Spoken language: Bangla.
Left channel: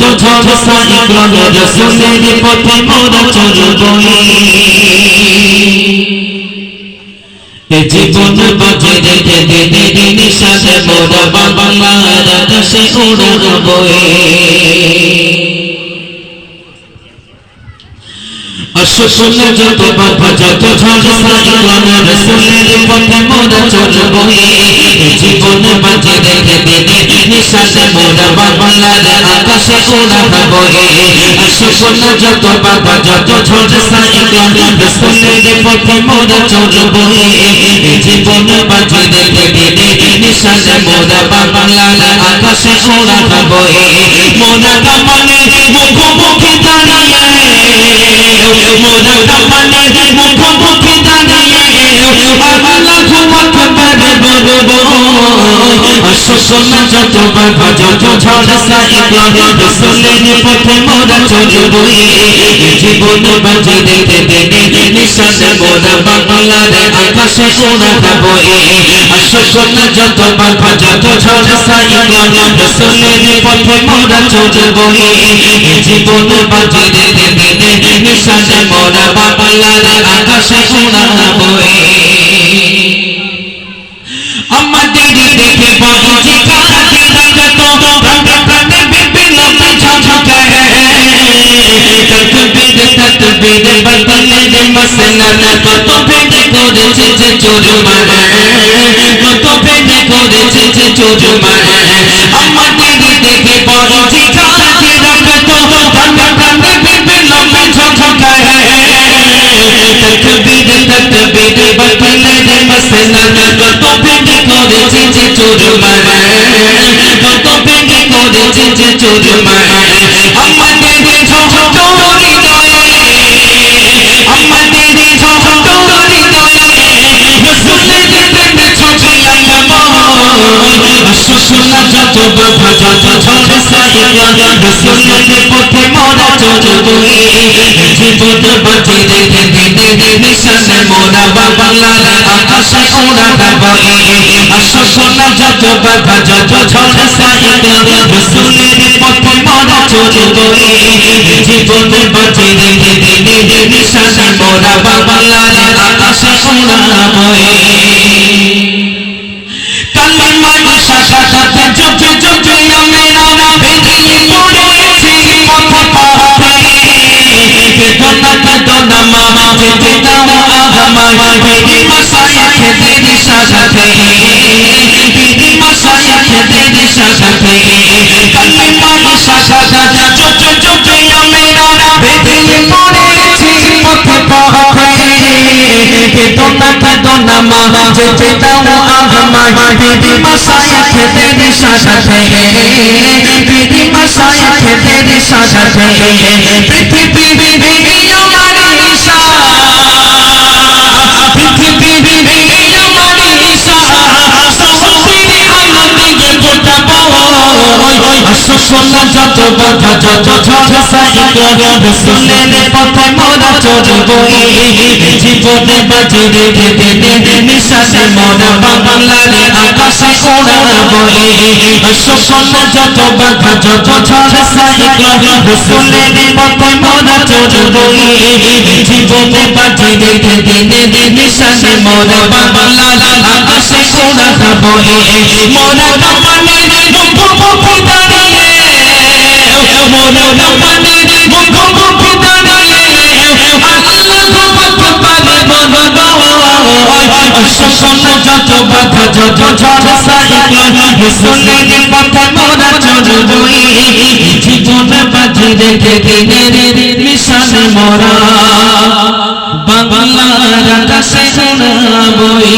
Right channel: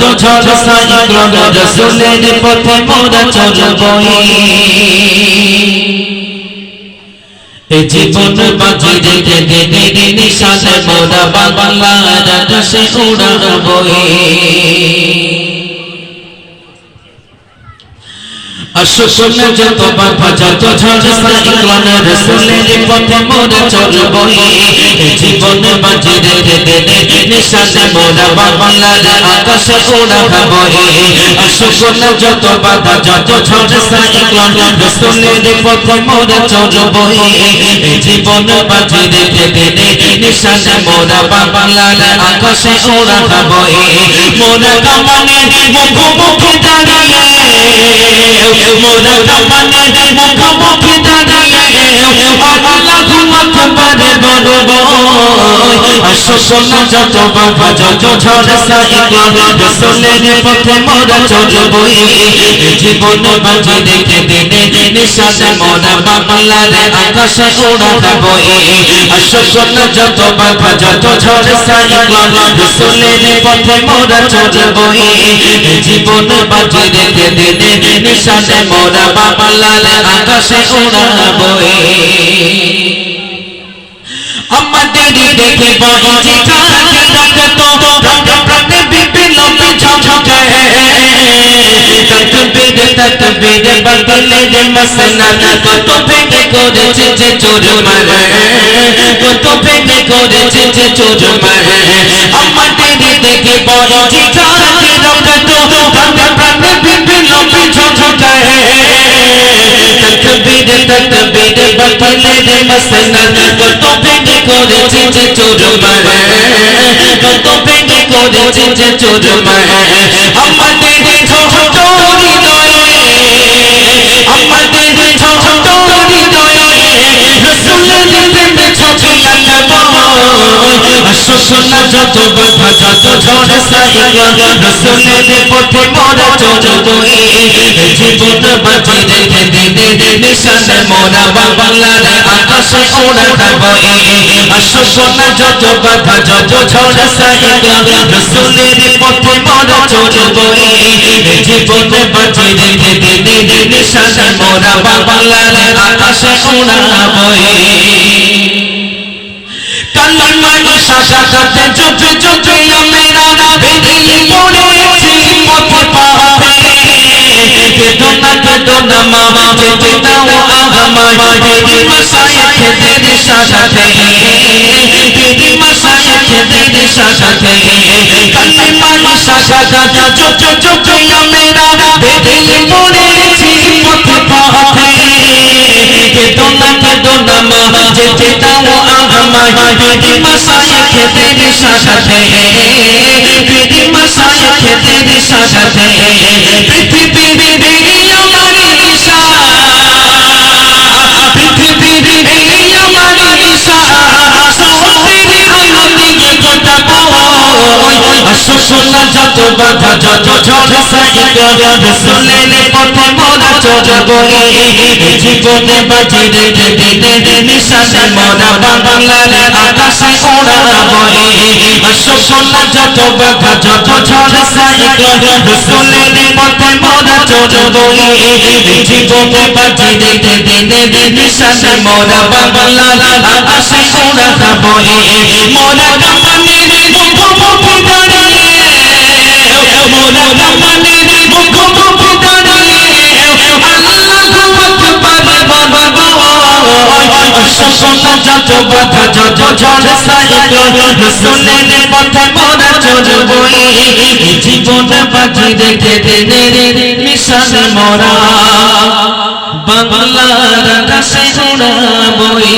যত ঝড় সাইক্লোন রাসূলের পথে মোরা চলবই এ জীবন বাঁচে রেখে দিনে নিশানে মোরা বাংলার আকাশে উড়াবই আশুকুল যত বাধা যত ঝড় সাইক্লোন রাসূলের পথে মোরা চলবই এ জীবন বাঁচে রেখে দিনে নিশানে মোরা বাংলার আকাশে উড়াবই আশুকুল যত বাধা যত ঝড় সাইক্লোন রাসূলের পথে মোরা চলবই এ জীবন বাঁচে রেখে দিনে নিশানে মোরা বাংলার আকাশে উড়াবই মোরা কামানে মুখোমুখি দাঁড়িয়ে মোরা কামানে মুখোমুখি দাঁড়িয়ে আল্লাহু আকবার বলবো আশুকুল যত বাধা যত ঝড় সাইক্লোন রাসূলের পথে মোরা চলবই জীবন বাঁচে রেখে দিনে নিশানে মোরা বাংলার আকাশে উড়াবই আশুকুল যত বাধা যত ঝড় সাইক্লোন রাসূলের পথে মোরা চলবই জীবন বাঁচে রেখে দিনে নিশানে মোরা বাংলার আকাশে উড়াবই আমাদের দেখে বাঁচি কাছে রাখতো প্রাণে প্রাণে বিপ্লবে ঝাঁঝায় তকবীর বদলে দে মসলা কত ভেঙে করেছে যে চোরমার কত ভেঙে করেছে যে চোরমার আমাদের দেখে বাঁচি কাছে রাখতো প্রাণে প্রাণে বিপ্লবে ঝাঁঝায় তকবীর বদলে দে মসলা কত ভেঙে করেছে যে চোরমার কত ভেঙে করেছে যে চোরমার আমাদের ছোট হৃদয়ে আমাদের ছোট হৃদয়ে রাসূলের প্রেমে ছবি আঁকাবো আশুকুল যত বাধা যত ঝড় সাইক্লোন রাসূলের পথে মোরা চলবই জীবন বাঁচে রেখে দিনে নিশানে মোরা বাংলার আকাশে উড়াবই আশুকুল যত বাধা যত ঝড় সাইক্লোন রাসূলের পথে মোরা চলবই জীবন বাঁচে রেখে দিনে নিশানে মোরা বাংলার আকাশে উড়াবই কালিমার শাখাতে জপে জপে আমরা বেরিয়ে পড়েছি পথ পাতে বেদনা বেদনা মা যেতে দাও আমার বেরি মাশায়েখদের সাথে বেরি মাশায়েখদের সাথে কালিমার শাখাতে জপে জপে আমরা বেরিয়ে পড়েছি পথ পাতে বেদনা বেদনা মা যেতে দাও আমার বেরি মাশায়েখদের সাথে বেরি মাশায়েখদের সাথে পৃথিবী আমার ঈশা পৃথিবী আমার ঈশা সহস্রী আলো দিয়ে গোটাবো আশুকুল যত বাধা যত ঝড় সাইক্লোন রাসূলের পথে মোরা চলবই জীবনে বাঁচে রেখে দিনে নিশানে মোরা বাংলার আকাশে উড়াবই আশুকুল যত বাধা যত ঝড় সাইক্লোন রাসূলের পথে মোরা চলবই জীবনে বাঁচে রেখে দিনে নিশানে মোরা বাংলার আকাশে উড়াবই মোরা কামানের মুখোমুখি দাঁড়িয়ে মোরা কামানের মুখোমুখি দাঁড়িয়ে আল্লাহু আকবার বলবো আশুকুল যত বাধা যত ঝড় সাইক্লোন রাসূলের পথে মোরা চলবই জীবন বাঁচে রেখে দিনে নিশানে মোরা বাংলার আকাশে উড়াবই।